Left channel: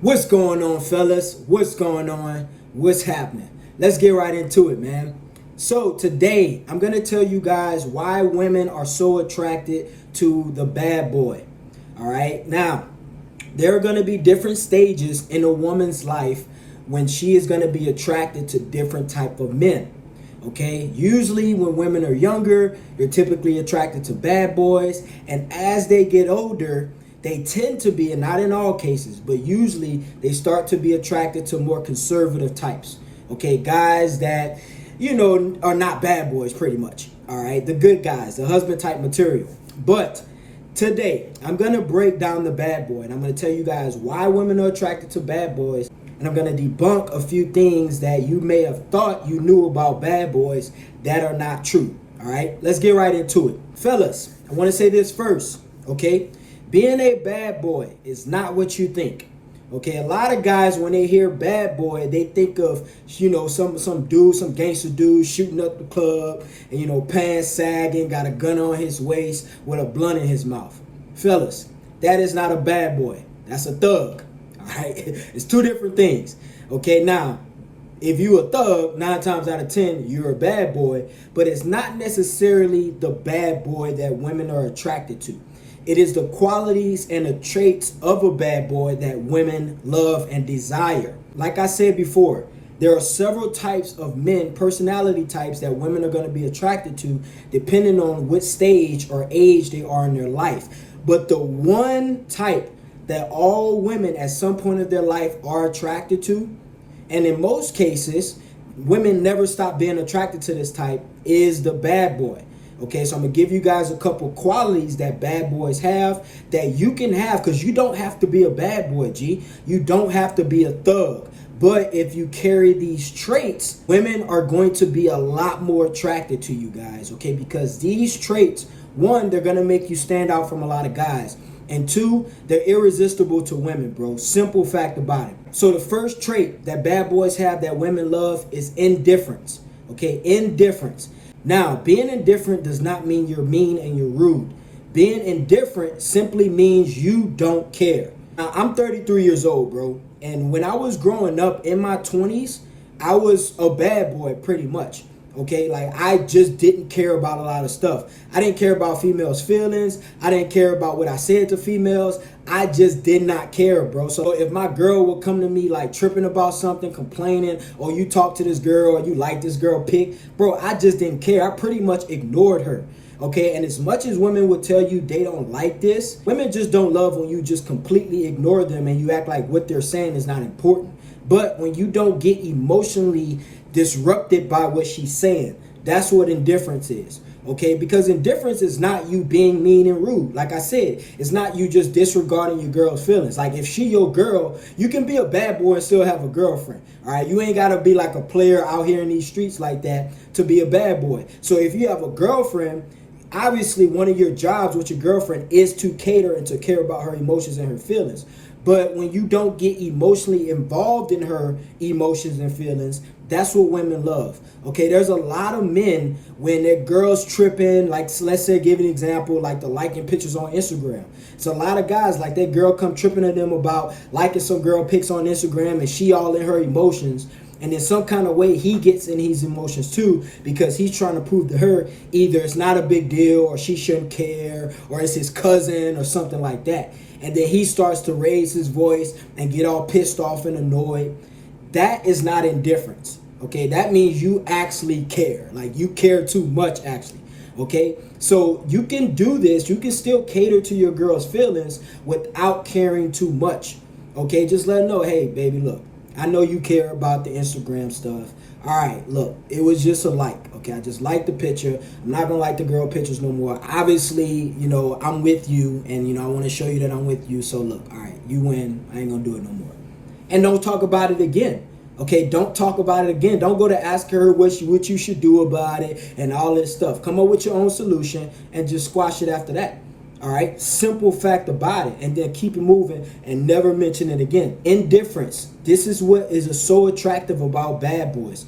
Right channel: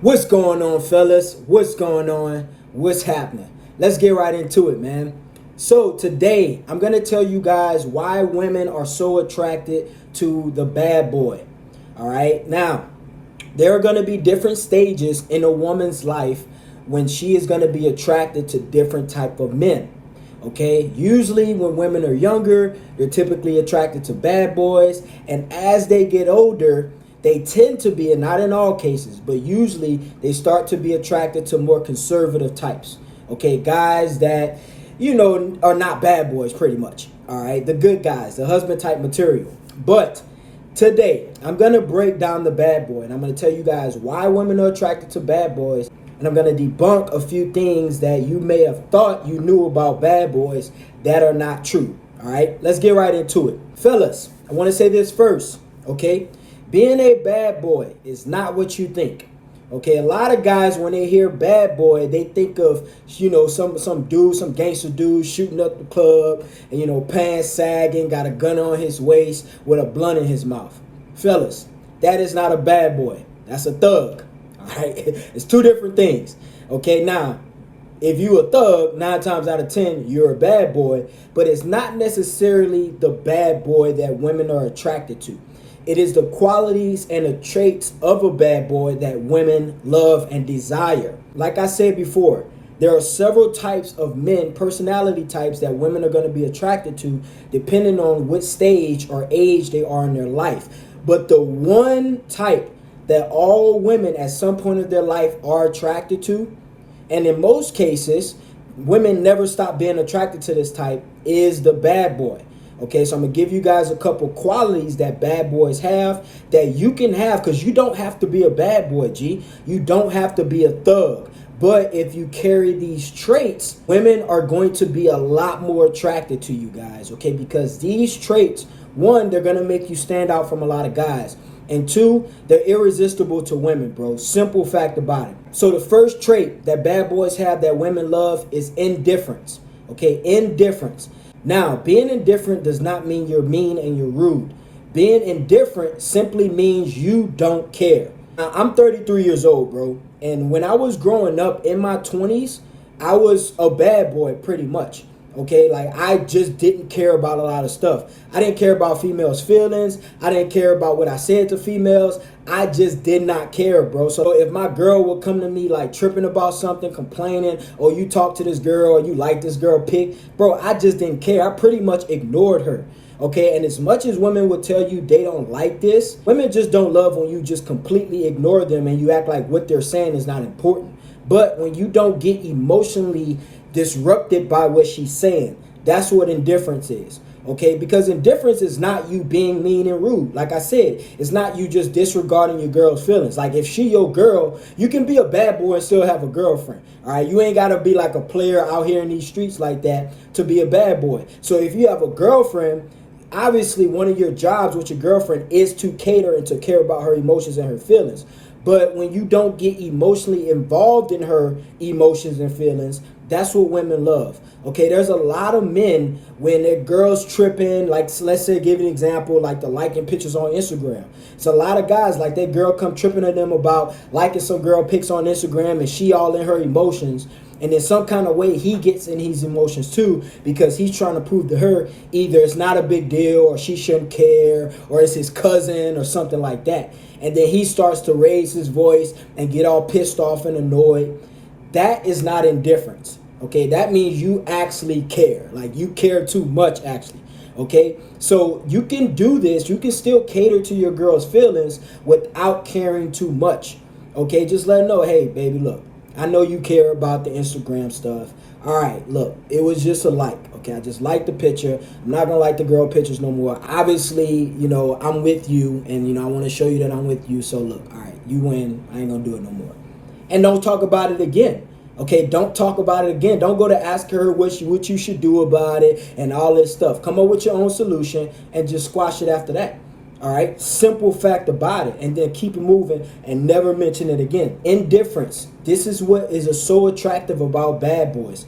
What's going on, fellas? What's going on? What's happening? Let's get right into it, man. So today, I'm going to tell you guys why women are so attracted to the bad boy. All right. Now, there are going to be different stages in a woman's life when she is going to be attracted to different type of men. Okay, usually when women are younger, they're typically attracted to bad boys, and as they get older, they tend to be, and not in all cases, but usually they start to be attracted to more conservative types. Okay, guys that, are not bad boys pretty much. All right, the good guys, the husband type material. But today, I'm going to break down the bad boy, and I'm going to tell you guys why women are attracted to bad boys, and I'm going to debunk a few things that you may have thought you knew about bad boys that are not true. All right, let's get right into it. Fellas, I want to say this first, okay? Being a bad boy is not what you think. Okay, a lot of guys, when they hear bad boy, they think of, some dude, some gangster dude shooting up the club and, pants sagging, got a gun on his waist with a blunt in his mouth. Fellas, that is not a bad boy. That's a thug. All right, it's two different things. Okay, now, if you a thug, 9 times out of 10, you're a bad boy, but it's not necessarily the bad boy that women are attracted to. It is the qualities and the traits of a bad boy that women love and desire. Like I said before, there are several types of men, personality types that women are going to be attracted to depending on which stage or age they are in their life. But the one type that all women at some point of their life are attracted to, and in most cases, women never stop being attracted to this type, is the bad boy. Okay, so I'm going to give you guys a couple qualities that bad boys have that you can have, because you don't have to be a bad boy, G. You don't have to be a thug. But if you carry these traits, women are going to be a lot more attracted to you guys, okay? Because these traits, one, they're going to make you stand out from a lot of guys. And two, they're irresistible to women, bro. Simple fact about it. So the first trait that bad boys have that women love is indifference, okay? Indifference. Now, being indifferent does not mean you're mean and you're rude. Being indifferent simply means you don't care. Now, I'm 33 years old, bro. And when I was growing up in my 20s, I was a bad boy pretty much. Okay, like I just didn't care about a lot of stuff. I didn't care about females' feelings. I didn't care about what I said to females. I just did not care, bro. So if my girl would come to me like tripping about something, complaining, or you talk to this girl or you like this girl pic, bro, I just didn't care. I pretty much ignored her. Okay, and as much as women will tell you they don't like this, women just don't love when you just completely ignore them and you act like what they're saying is not important. But when you don't get emotionally disrupted by what she's saying, that's what indifference is. Okay, because indifference is not you being mean and rude. Like I said, it's not you just disregarding your girl's feelings. Like if she your girl, you can be a bad boy and still have a girlfriend. All right, you ain't got to be like a player out here in these streets like that to be a bad boy. So if you have a girlfriend, obviously one of your jobs with your girlfriend is to cater and to care about her emotions and her feelings. But when you don't get emotionally involved in her emotions and feelings, that's what women love. Okay, there's a lot of men when their girls tripping, like let's say, give an example, like the liking pictures on Instagram. It's a lot of guys like that girl come tripping to them about liking some girl pics on Instagram and she all in her emotions. And in some kind of way, he gets in his emotions too, because he's trying to prove to her either it's not a big deal or she shouldn't care or it's his cousin or something like that. And then he starts to raise his voice and get all pissed off and annoyed. That is not indifference. Okay, that means you actually care. Like you care too much, actually. Okay, so you can do this. You can still cater to your girl's feelings without caring too much. Okay, just let her know, hey, baby, look, I know you care about the Instagram stuff. All right, look, it was just a like. Okay, I just liked the picture. I'm not gonna like the girl pictures no more. Obviously, I'm with you, and I want to show you that I'm with you. So look, all right, you win. I ain't gonna do it no more. And don't talk about it again. Okay, don't talk about it again. Don't go to ask her what you should do about it and all this stuff. Come up with your own solution and just squash it after that. All right, simple fact about it, and then keep it moving and never mention it again. Indifference. This is what is so attractive about bad boys.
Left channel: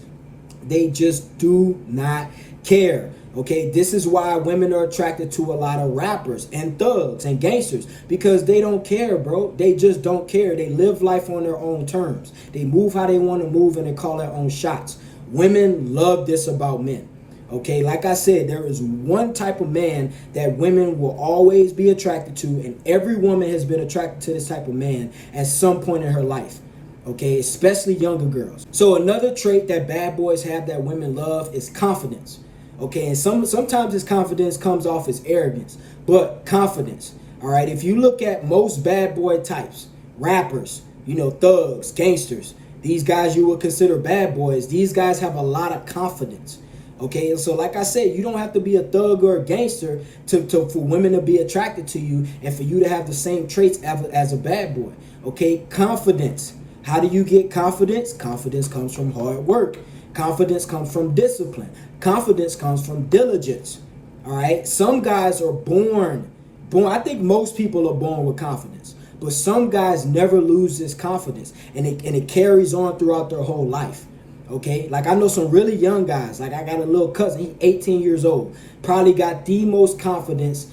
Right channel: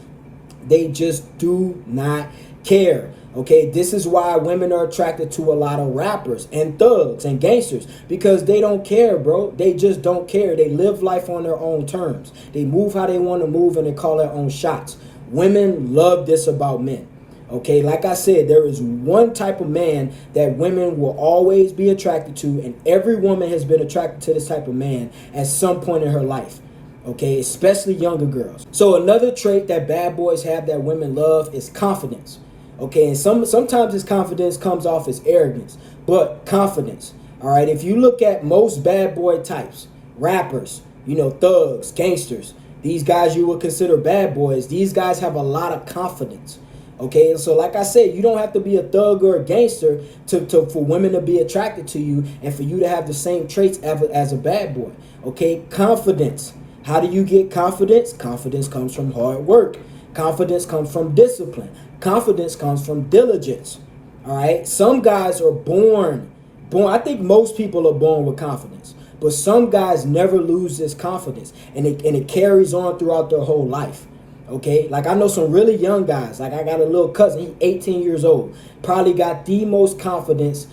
They just do not care. Okay, this is why women are attracted to a lot of rappers and thugs and gangsters, because they don't care, bro. They just don't care. They live life on their own terms. They move how they want to move and they call their own shots. Women love this about men. Okay, like I said, there is one type of man that women will always be attracted to, and every woman has been attracted to this type of man at some point in her life. Okay, especially younger girls. So another trait that bad boys have that women love is confidence. Okay, and sometimes this confidence comes off as arrogance, but confidence. All right, if you look at most bad boy types, rappers, thugs, gangsters, these guys you would consider bad boys, these guys have a lot of confidence. Okay, and so like I said, you don't have to be a thug or a gangster for women to be attracted to you and for you to have the same traits as a bad boy. Okay, confidence. How do you get confidence? Confidence comes from hard work. Confidence comes from discipline. Confidence comes from diligence. All right, some guys are born. I think most people are born with confidence, but some guys never lose this confidence, and it carries on throughout their whole life. Okay, like I know some really young guys. Like I got a little cousin, he's 18 years old, probably got the most confidence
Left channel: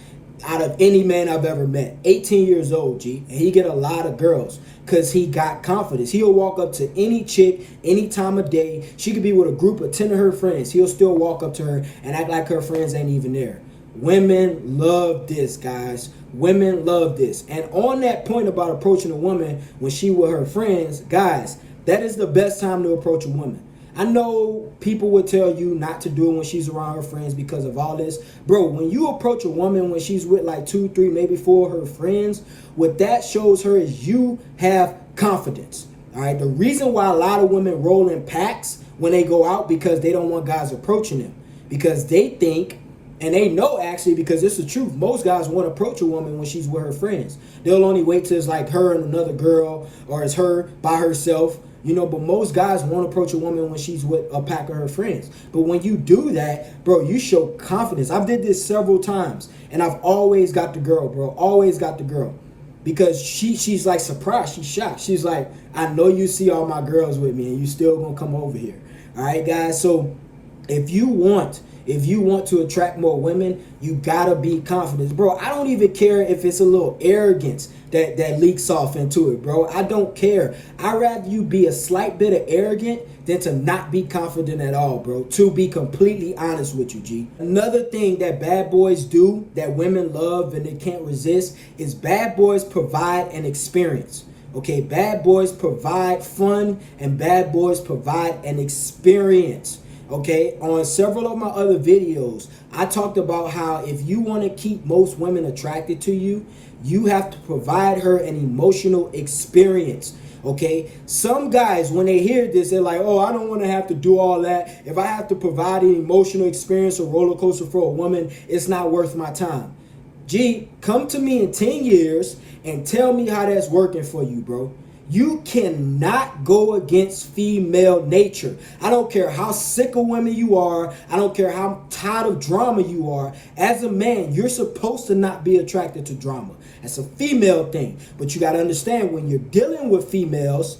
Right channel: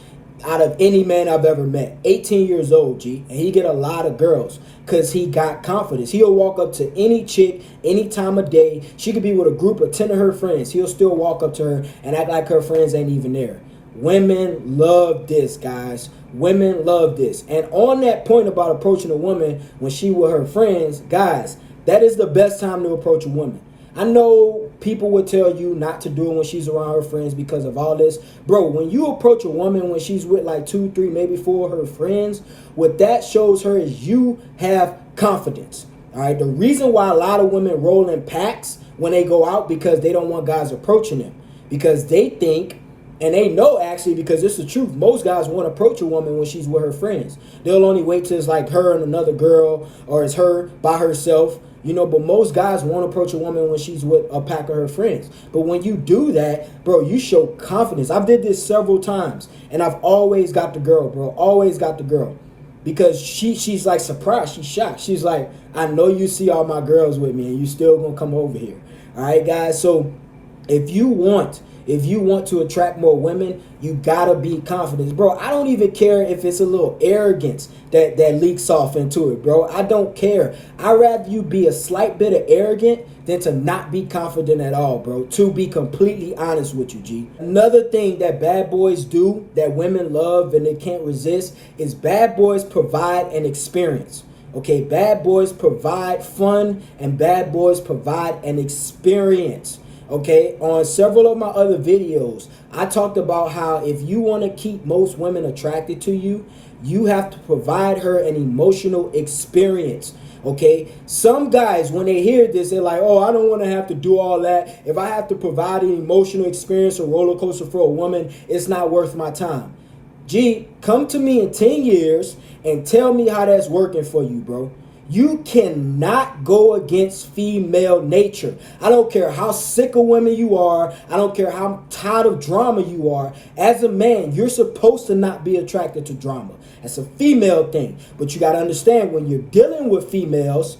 out of any man I've ever met. 18 years old, G, and he get a lot of girls because he got confidence. He'll walk up to any chick any time of day. She could be with a group of 10 of her friends. He'll still walk up to her and act like her friends ain't even there. Women love this, guys. Women love this. And on that point about approaching a woman when she with her friends, guys, that is the best time to approach a woman. I know people would tell you not to do it when she's around her friends because of all this. Bro, when you approach a woman when she's with like 2, 3, maybe 4 of her friends, what that shows her is you have confidence. All right. The reason why a lot of women roll in packs when they go out, because they don't want guys approaching them, because they think, and they know actually, because it's the truth, most guys won't approach a woman when she's with her friends. They'll only wait till it's like her and another girl, or it's her by herself. But most guys won't approach a woman when she's with a pack of her friends. But when you do that, bro, you show confidence. I've did this several times, and I've always got the girl, bro. Always got the girl. Because she's like surprised. She's shocked. She's like, I know you see all my girls with me, and you still gonna come over here. All right, guys. So if you want to attract more women, you gotta be confident. Bro, I don't even care if it's a little arrogance that leaks off into it, bro. I don't care. I'd rather you be a slight bit of arrogant than to not be confident at all, bro. To be completely honest with you, G. Another thing that bad boys do that women love and they can't resist is bad boys provide an experience. Okay, bad boys provide fun and bad boys provide an experience. Okay, on several of my other videos, I talked about how if you want to keep most women attracted to you, you have to provide her an emotional experience. Okay, some guys, when they hear this, they're like, oh, I don't want to have to do all that. If I have to provide an emotional experience or roller coaster for a woman, it's not worth my time. Gee, come to me in 10 years and tell me how that's working for you, bro. You cannot go against female nature. I don't care how sick of women you are. I don't care how tired of drama you are. As a man, you're supposed to not be attracted to drama. That's a female thing. But you got to understand, when you're dealing with females,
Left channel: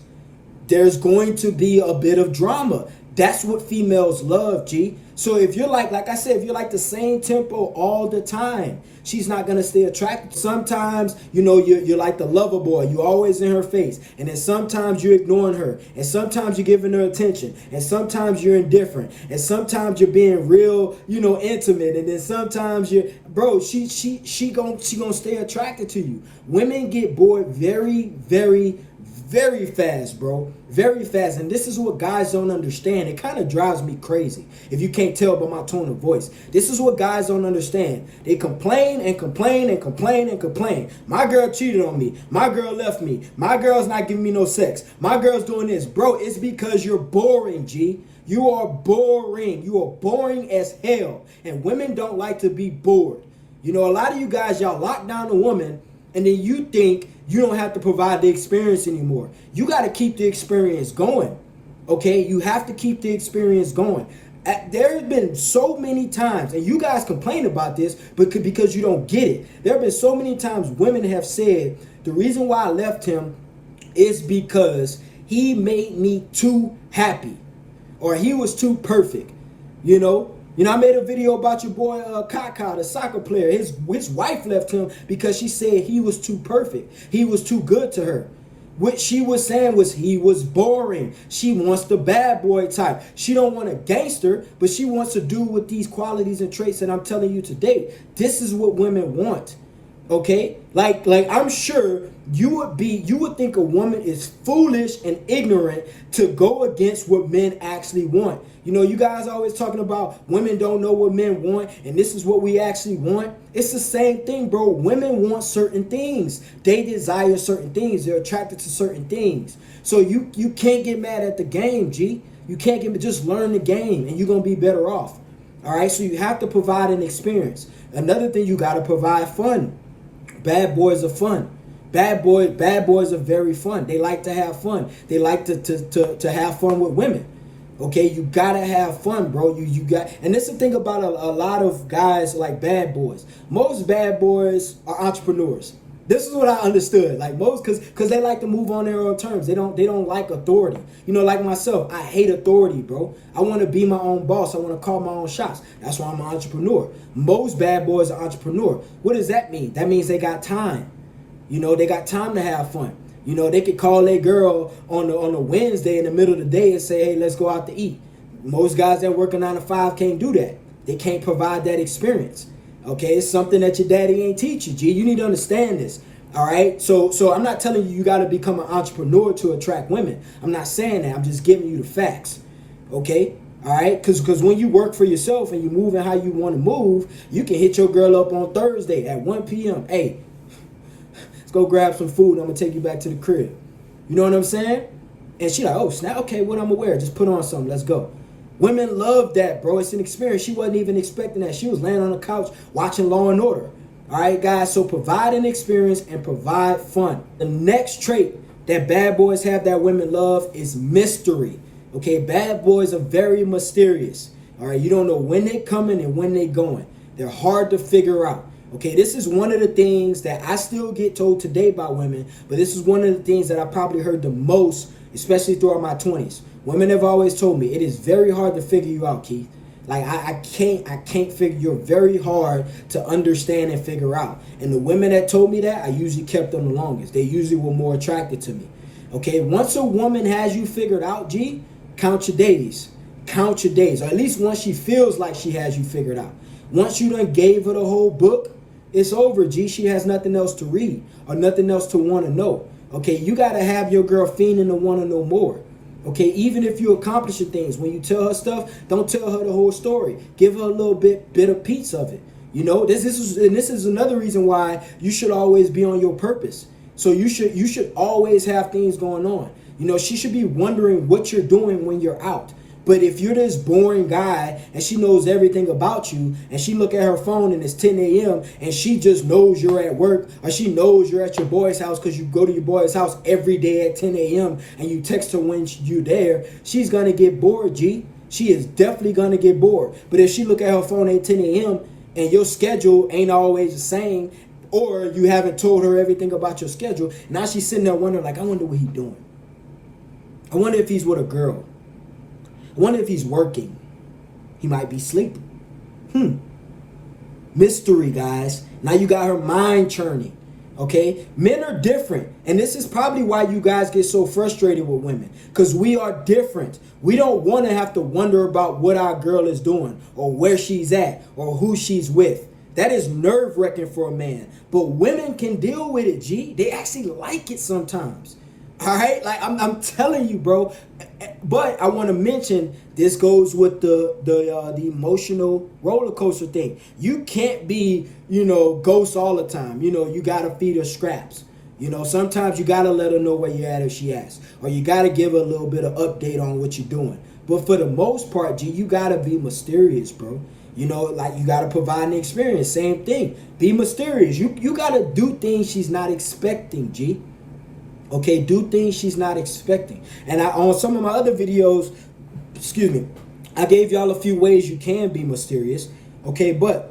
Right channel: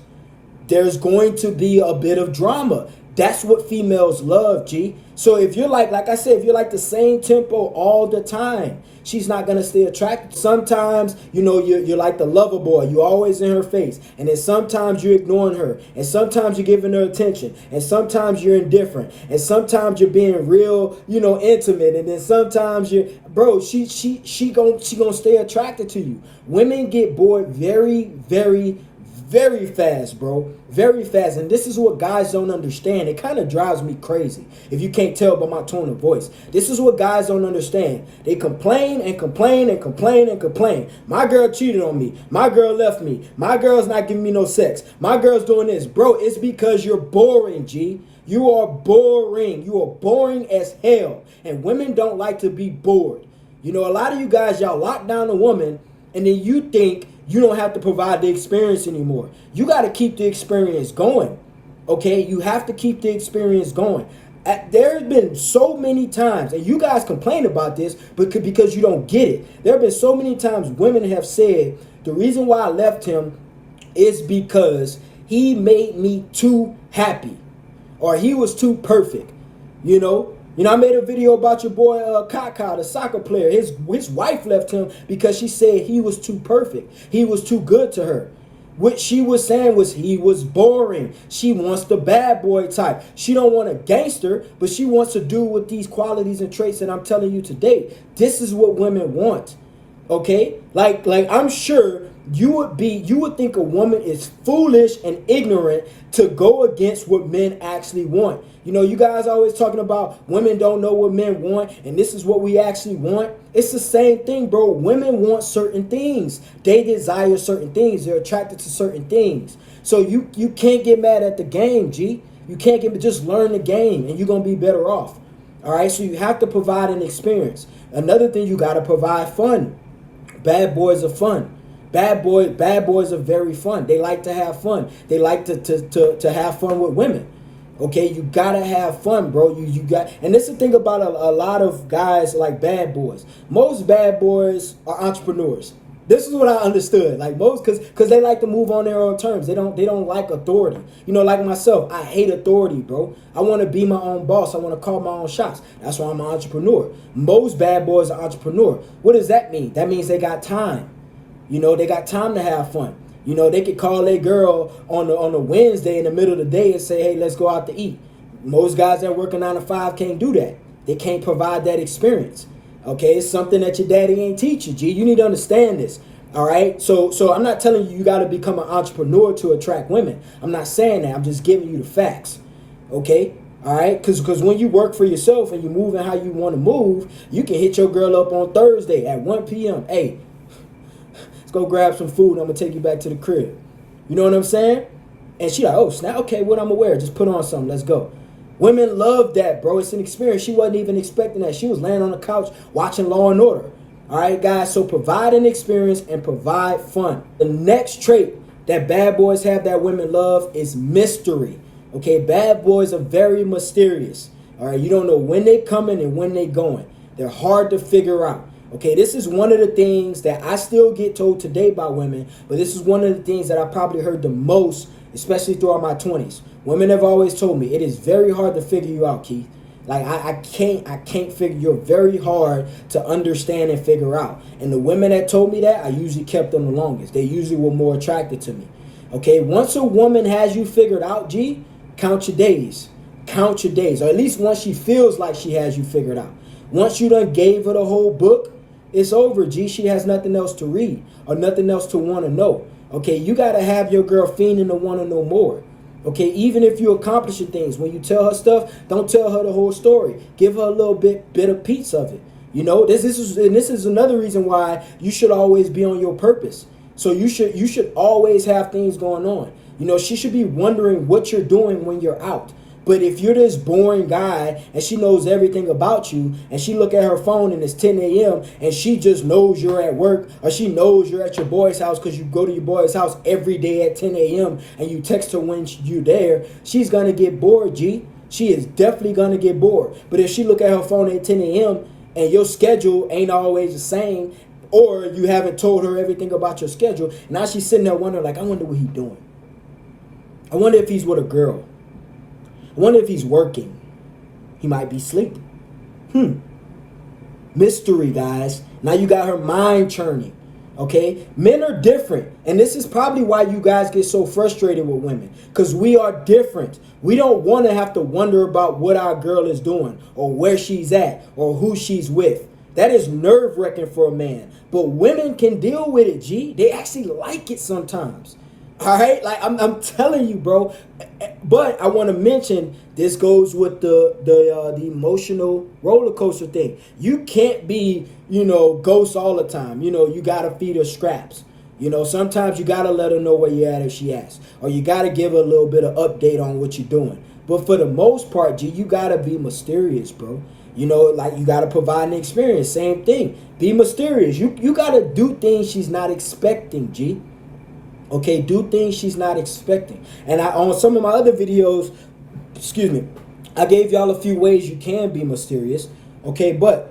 there's going to be a bit of drama. That's what females love, G. So if you're like I said, if you're like the same tempo all the time, she's not going to stay attracted. Sometimes, you're like the lover boy. You're always in her face. And then sometimes you're ignoring her. And sometimes you're giving her attention. And sometimes you're indifferent. And sometimes you're being real, intimate. And then sometimes bro, she gonna stay attracted to you. Women get bored very, very, very fast, bro. Very fast. And this is what guys don't understand. It kind of drives me crazy, if you can't tell by my tone of voice. This is what guys don't understand. They complain and complain and complain and complain. My girl cheated on me. My girl left me. My girl's not giving me no sex. My girl's doing this. Bro, it's because you're boring, G. You are boring. You are boring as hell. And women don't like to be bored. A lot of you guys, y'all lock down a woman, and then you think you don't have to provide the experience anymore. You got to keep the experience going. Okay? You have to keep the experience going. There's been so many times, and you guys complain about this because you don't get it. There have been so many times women have said, the reason why I left him is because he made me too happy, or he was too perfect. You know, I made a video about your boy Kaka, the soccer player. His wife left him because she said he was too perfect. He was too good to her. What she was saying was he was boring. She wants the bad boy type. She don't want a gangster, but she wants to do with these qualities and traits that I'm telling you today. This is what women want. Okay? Like I'm sure you would think a woman is foolish and ignorant to go against what men actually want. You know, you guys always talking about women don't know what men want, and this is what we actually want. It's the same thing, bro. Women want certain things. They desire certain things. They're attracted to certain things. So you can't get mad at the game, G. You can't just learn the game, and you're going to be better off. All right? So you have to provide an experience. Another thing, you got to provide fun. Bad boys are fun. Bad boys are very fun. They like to have fun. They like to have fun with women. Okay, you gotta have fun, bro. You got, and this is the thing about a lot of guys like bad boys. Most bad boys are entrepreneurs. This is what I understood. Like most, because they like to move on their own terms. They don't like authority. You know, like myself, I hate authority, bro. I want to be my own boss. I want to call my own shots. That's why I'm an entrepreneur. Most bad boys are entrepreneur. What does that mean? That means they got time. You know, they got time to have fun. You know, they could call their girl on a Wednesday in the middle of the day and say, hey, let's go out to eat. Most guys that work a 9 to 5 can't do that. They can't provide that experience. Okay, it's something that your daddy ain't teach you, G. You need to understand this. All right, so I'm not telling you got to become an entrepreneur to attract women. I'm not saying that. I'm just giving you the facts. Okay, all right, because when you work for yourself and you're moving how you want to move, you can hit your girl up on Thursday at 1 p.m. Hey, let's go grab some food. I'm going to take you back to the crib. You know what I'm saying? And she like, oh, snap. Okay, what I'm going to wear? Just put on something. Let's go. Women love that, bro. It's an experience. She wasn't even expecting that. She was laying on the couch watching Law and Order. All right, guys. So provide an experience and provide fun. The next trait that bad boys have that women love is mystery. Okay, bad boys are very mysterious. All right, you don't know when they coming and when they going. They're hard to figure out. Okay, this is one of the things that I still get told today by women, but this is one of the things that I probably heard the most, especially throughout my 20s. Women have always told me it is very hard to figure you out, Keith. Like I can't figure, you're very hard to understand and figure out. And the women that told me that, I usually kept them the longest. They usually were more attracted to me. Okay, once a woman has you figured out, G, count your days. Count your days, or at least once she feels like she has you figured out. Once you done gave her the whole book, it's over, G. She has nothing else to read or nothing else to want to know. Okay, you got to have your girl fiending to want to know more. Okay, even if you accomplishing things, when you tell her stuff, don't tell her the whole story. Give her a little bit of piece of it. You know, this is another reason why you should always be on your purpose. So you should always have things going on. You know, she should be wondering what you're doing when you're out. But if you're this boring guy and she knows everything about you and she look at her phone and it's 10 a.m. and she just knows you're at work, or she knows you're at your boy's house because you go to your boy's house every day at 10 a.m. and you text her when you're there, she's going to get bored, G. She is definitely going to get bored. But if she look at her phone at 10 a.m. and your schedule ain't always the same, or you haven't told her everything about your schedule, now she's sitting there wondering, like, I wonder what he's doing. I wonder if he's with a girl. I wonder if he's working. He might be sleeping. Mystery, guys. Now you got her mind churning. Okay? Men are different. And this is probably why you guys get so frustrated with women. Because we are different. We don't want to have to wonder about what our girl is doing, or where she's at, or who she's with. That is nerve-wracking for a man. But women can deal with it, G. They actually like it sometimes. All right, like I'm telling you, bro. But I want to mention this goes with the emotional roller coaster thing. You can't be, ghost all the time. You gotta feed her scraps. Sometimes you gotta let her know where you're at if she asks, or you gotta give her a little bit of update on what you're doing. But for the most part, G, you gotta be mysterious, bro. Like you gotta provide an experience. Same thing. Be mysterious. You gotta do things she's not expecting, G. Okay, do things she's not expecting. And on some of my other videos, I gave y'all a few ways you can be mysterious. Okay, but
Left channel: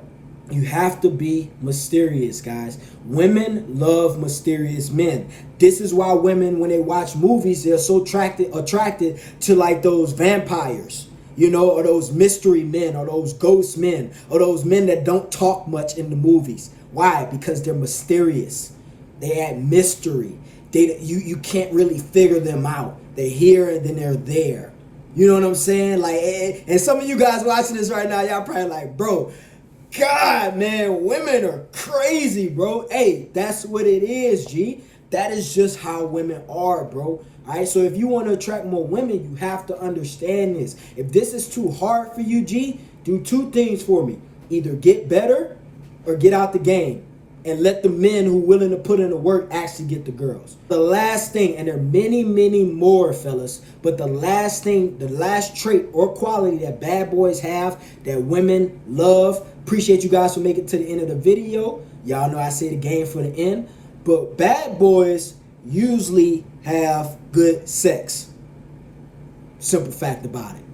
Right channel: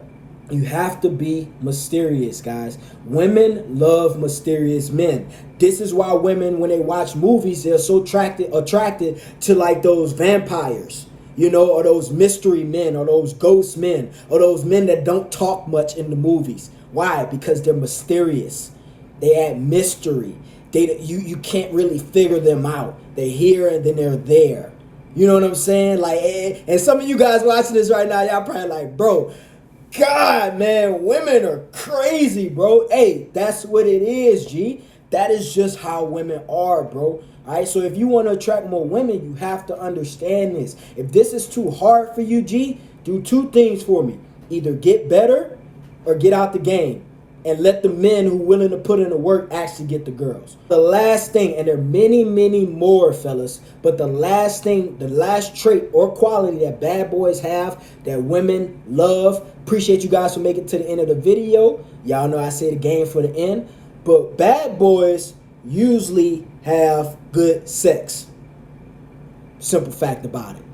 you have to be mysterious, guys. Women love mysterious men. This is why women, when they watch movies, they're so attracted to like those vampires. or those mystery men, or those ghost men, or those men that don't talk much in the movies. Why? Because they're mysterious. They add mystery. You can't really figure them out. They're here and then they're there. You know what I'm saying? Like, and some of you guys watching this right now, y'all probably like, bro, God, man, women are crazy, bro. Hey, that's what it is, G. That is just how women are, bro. All right, so if you want to attract more women, you have to understand this. If this is too hard for you, G, do two things for me. Either get better or get out the game. And let the men who are willing to put in the work actually get the girls. The last thing, and there are many, many more, fellas, but the last thing, the last trait or quality that bad boys have that women love. Appreciate you guys for making it to the end of the video. Y'all know I say the game for the end. But bad boys usually have good sex. Simple fact about it.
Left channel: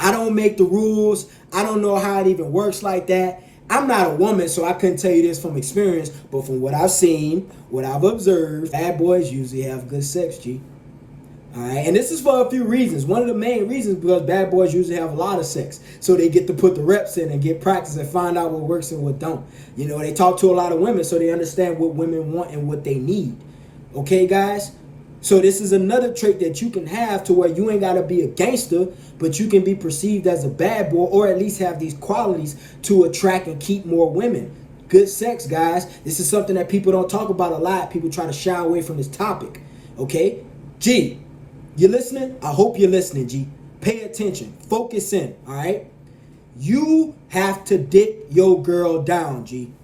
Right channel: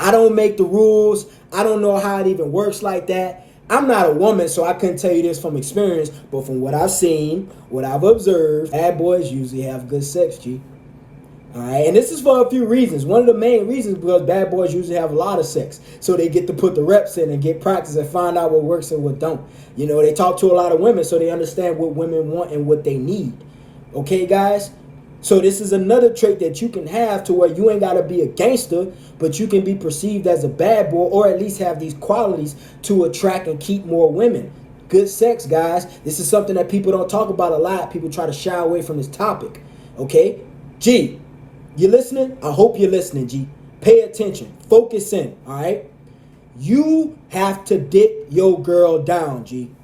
I don't make the rules. I don't know how it even works like that. I'm not a woman, so I couldn't tell you this from experience, but from what I've seen, what I've observed, bad boys usually have good sex, G. All right, and this is for a few reasons. One of the main reasons because bad boys usually have a lot of sex, so they get to put the reps in and get practice and find out what works and what don't. They talk to a lot of women, so they understand what women want and what they need. Okay, guys? So this is another trait that you can have to where you ain't got to be a gangster, but you can be perceived as a bad boy or at least have these qualities to attract and keep more women. Good sex, guys. This is something that people don't talk about a lot. People try to shy away from this topic. Okay? G, you listening? I hope you're listening, G. Pay attention. Focus in, all right? You have to dip your girl down, G.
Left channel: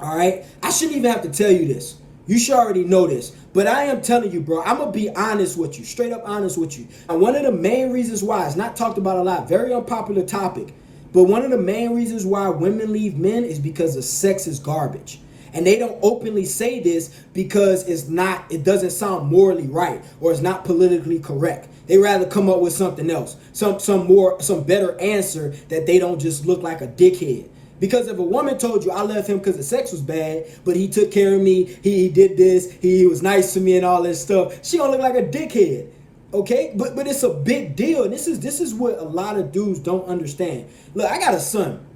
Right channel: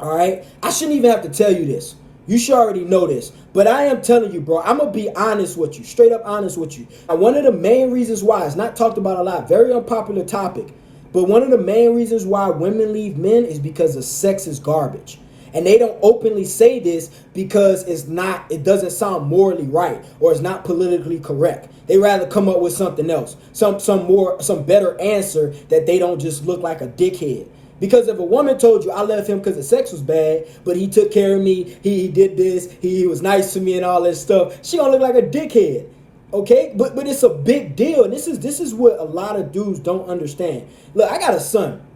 All right? I shouldn't even have to tell you this. You should already know this. But I am telling you, bro, I'm going to be honest with you. Straight up honest with you. And one of the main reasons why, it's not talked about a lot, very unpopular topic, but one of the main reasons why women leave men is because the sex is garbage. And they don't openly say this because it doesn't sound morally right or it's not politically correct. They rather come up with something else, some better answer that they don't just look like a dickhead. Because if a woman told you I left him because the sex was bad, but he took care of me, he did this, he was nice to me and all this stuff, she gonna look like a dickhead. Okay? But it's a big deal. And this is what a lot of dudes don't understand. Look, I got a son.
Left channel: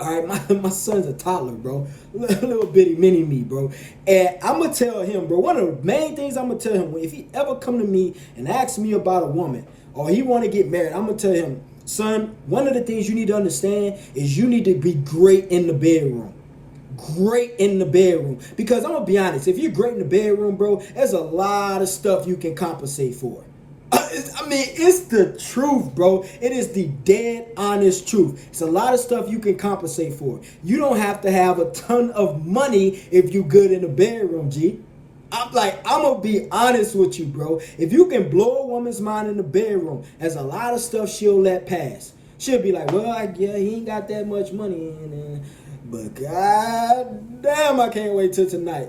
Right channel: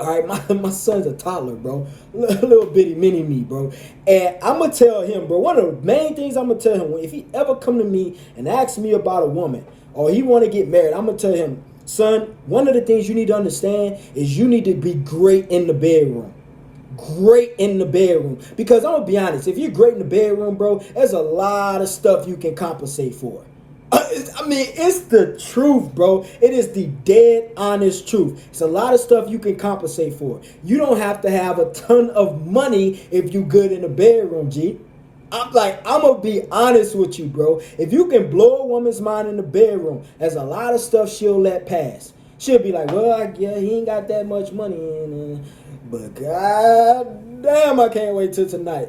All right, my son's a toddler, bro. Little bitty mini me, bro. And I'm going to tell him, bro, one of the main things I'm going to tell him, if he ever come to me and ask me about a woman or he want to get married, I'm going to tell him, son, one of the things you need to understand is you need to be great in the bedroom. Great in the bedroom. Because I'm going to be honest, if you're great in the bedroom, bro, there's a lot of stuff you can compensate for. It's the truth, bro. It is the dead honest truth. It's a lot of stuff you can compensate for. You don't have to have a ton of money if you good in the bedroom, G. I'm going to be honest with you, bro. If you can blow a woman's mind in the bedroom, there's a lot of stuff she'll let pass. She'll be like, well, he ain't got that much money. But god damn, I can't wait till tonight.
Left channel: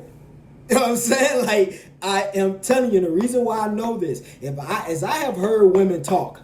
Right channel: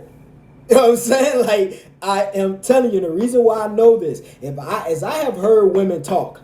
You know what I'm saying? Like, I am telling you, the reason why I know this, as I have heard women talk,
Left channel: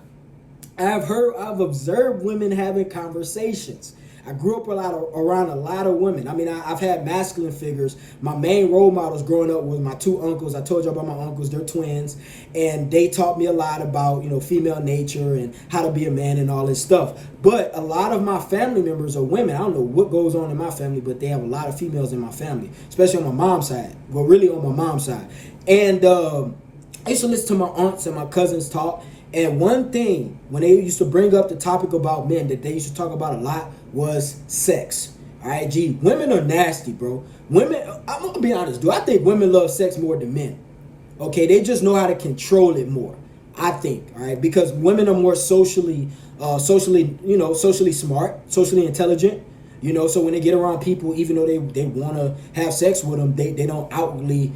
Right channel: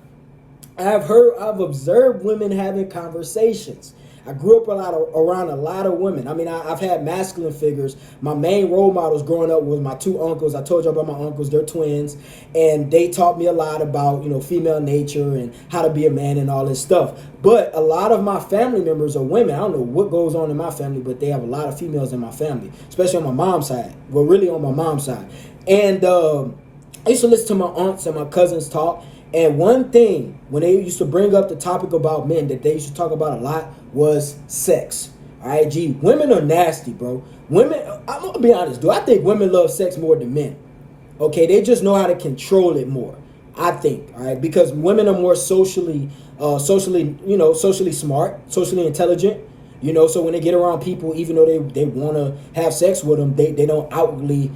I've observed women having conversations. I grew up around a lot of women. I've had masculine figures. My main role models growing up was my two uncles. I told you about my uncles. They're twins. And they taught me a lot about, female nature and how to be a man and all this stuff. But a lot of my family members are women. I don't know what goes on in my family, but they have a lot of females in my family, especially on my mom's side. Well, really on my mom's side. And I used to listen to my aunts and my cousins talk. And one thing, when they used to bring up the topic about men that they used to talk about a lot was sex. All right, G, women are nasty, bro. Women, I'm going to be honest, dude. I think women love sex more than men. Okay, they just know how to control it more, I think, all right? Because women are more socially smart, socially intelligent, so when they get around people, even though they want to have sex with them, they don't outwardly,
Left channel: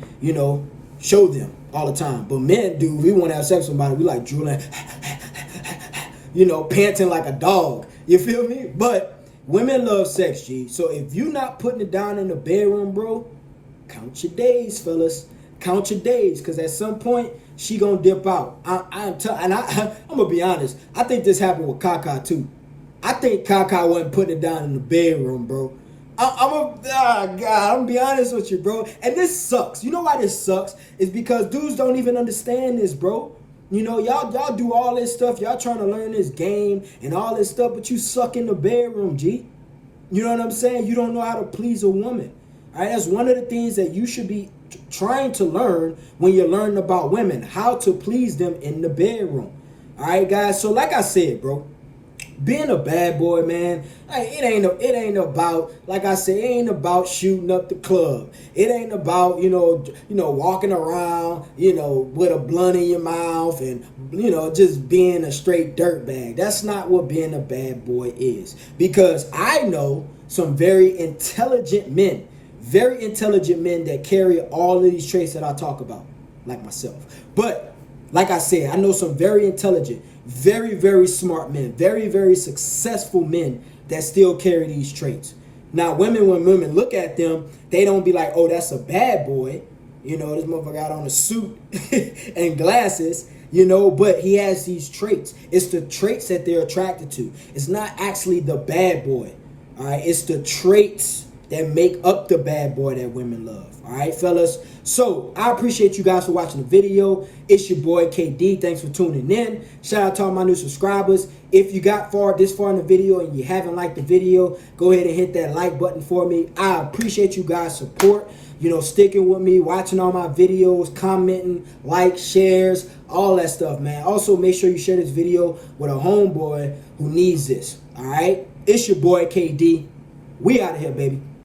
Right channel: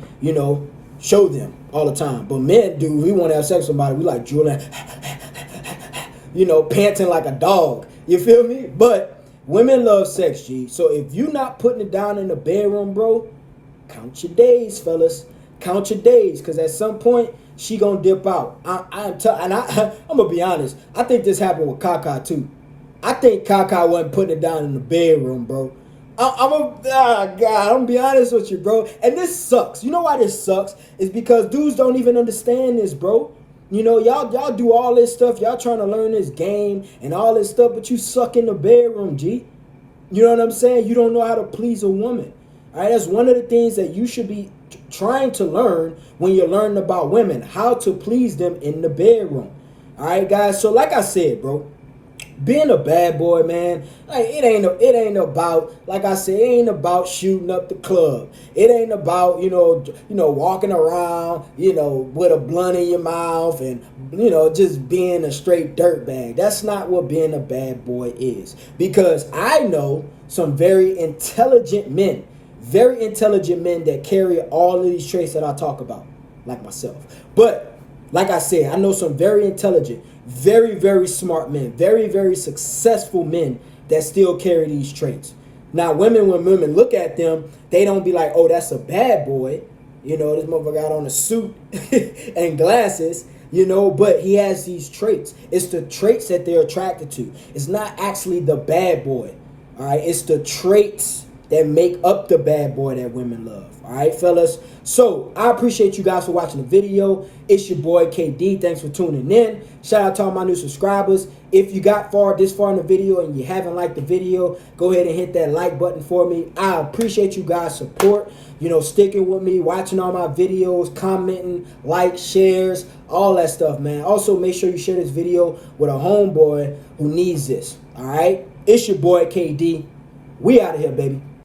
show them all the time. But men do. We want to have sex with somebody, we like drooling, panting like a dog. You feel me? But women love sex, G. So if you not putting it down in the bedroom, bro, count your days, fellas. Count your days, because at some point she gonna dip out. I'm gonna be honest. I think this happened with Kaka too. I think Kaka wasn't putting it down in the bedroom, bro. I'm gonna be honest with you, bro. And this sucks. You know why this sucks? It's because dudes don't even understand this, bro. You know, y'all do all this stuff. Y'all trying to learn this game and all this stuff, but you suck in the bedroom, G. You know what I'm saying? You don't know how to please a woman. All right, that's one of the things that you should be trying to learn when you're learning about women, how to please them in the bedroom. All right, guys. So like I said, bro, being a bad boy, man, like it ain't about, like I said, it ain't about shooting up the club. It ain't about, walking around, with a blunt in your mouth and, just being a straight dirtbag. That's not what being a bad boy is. Because I know some very intelligent men that carry all of these traits that I talk about, like myself. But like I said, I know some very intelligent, very, very smart men, very, very successful men that still carry these traits. Now, when women look at them, they don't be like, oh, that's a bad boy. This motherfucker got on a suit and glasses, but he has these traits. It's the traits that they're attracted to. It's not actually the bad boy. All right. It's the traits that make up the bad boy that women love. All right, fellas. So I appreciate you guys for watching the video. It's your boy KD. Thanks for tuning in. Shout out to all my new subscribers. If you got this far in the video and you haven't liked the video, go ahead and hit that like button for me. I appreciate you guys' support. Sticking with me, watching all my videos, commenting, shares, all that stuff, man. Also, make sure you share this video with a homeboy who needs this. All right. It's your boy KD. We out of here, baby.